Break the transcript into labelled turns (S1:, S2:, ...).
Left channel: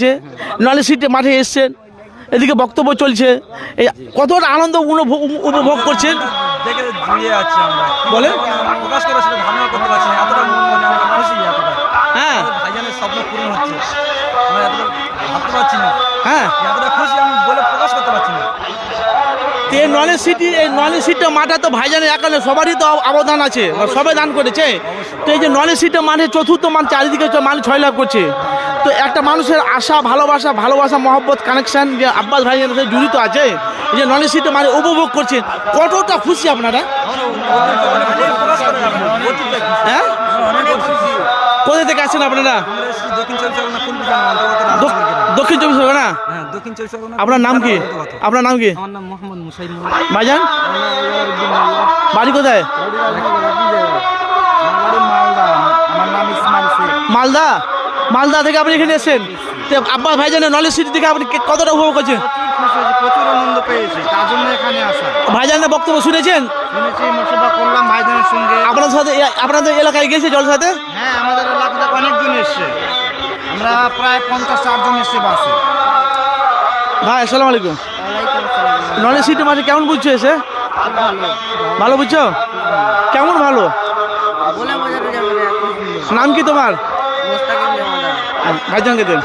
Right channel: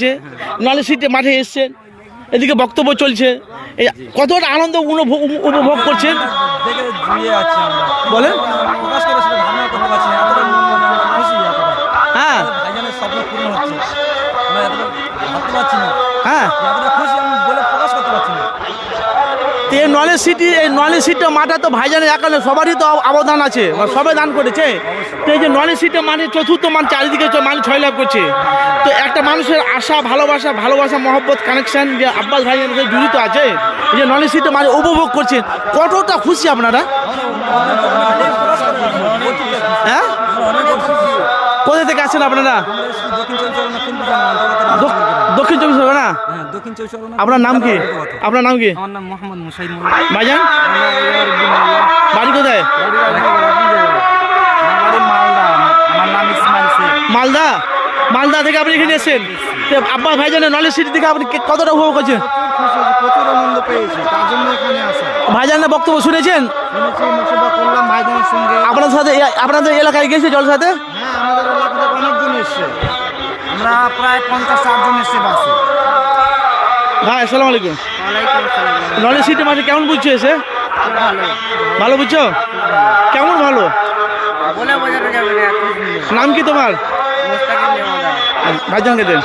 S1: আছে নলেজ সিটে মাঠে এসছেন এদিকে বক্তব্য চলছে। কতটা আনন্দ উপভোগ করছেন?
S2: দেখে জুড়িয়ে যাচ্ছি আমরা।
S1: বলেন?
S2: প্রকাশ করে সেটা ধারণা করতে পারছি না এতটা মন মনে আমরা খুশি এতটা।
S1: হ্যাঁ।
S2: আমাদের ভাইজানের স্বপ্ন পূরণ হচ্ছে। আমরা এতটা ভাবতে পারছি না
S1: হ্যাঁ।
S2: এতটা খুশি আমি বলে প্রকাশ করতে পারছি না।
S1: এই নলেজ সিটি এই নলেজ সিটটা মাঠে তো ভাইজানের সবারই তো অবদান আছে সবাই দান করেছে। তো এই যে নলেজ সিটটা মানে চতুর্থ মান চারিদিকে মানুষ ছয় লাভ করছে। তো একটা মানুষের আশা ভালোবাসা ভালোবাসা মহব্বত কানেকশান যে আব্বাস সাথে জড়িত আছে এই যে নলেজ সিটটা মানে উপভোগ করছেন কতটা খুশি আপনারা। হ্যাঁ? কোথা থেকে আছেন আপনারা?
S2: দক্ষিণ চব্বিশ পরগনা?
S1: আপনার নাম কি? আপনার নাম কি? ভাইজান? বাড়ি কোথায়?
S2: মালদা। আমার নাম ইসমাইল শেখ।
S1: মালদা? মালদা থেকে আপনি এখানে এসেছেন। তো আব্বাস ভাইজানের নলেজ সিটি থেকে আপনি কে- কতটা উপভোগ করছেন?
S2: প্রচুর আনন্দ পেয়েছি তার জন্য এখানে আসা।
S1: ভাইজানের বক্তব্য শুনেছেন?
S2: শুনেছি মুসেবা করলাম ভাইজানের সঙ্গে।
S1: আপনার সাথে আপনাদের এলাকায় গেছে জলসাতে
S2: হ্যাঁ আমাদের এলাকা থেকে অনেকজন এসছে। আমরা প্রায় পঞ্চাশ ষাট জন এসছে বাসে।
S1: ভাই আসসালামু আলাইকুম।
S2: ওয়ালাইকুম আসসালাম।
S1: নলেজ সিটি মাঠে কেমন বুঝছ এসে?
S2: ভালো।
S1: ভালো বুঝছ? কেমন ভালো?
S2: বলে বোঝানো যাবে না
S1: নাম কি তোমার? ভাইজানকে দেন।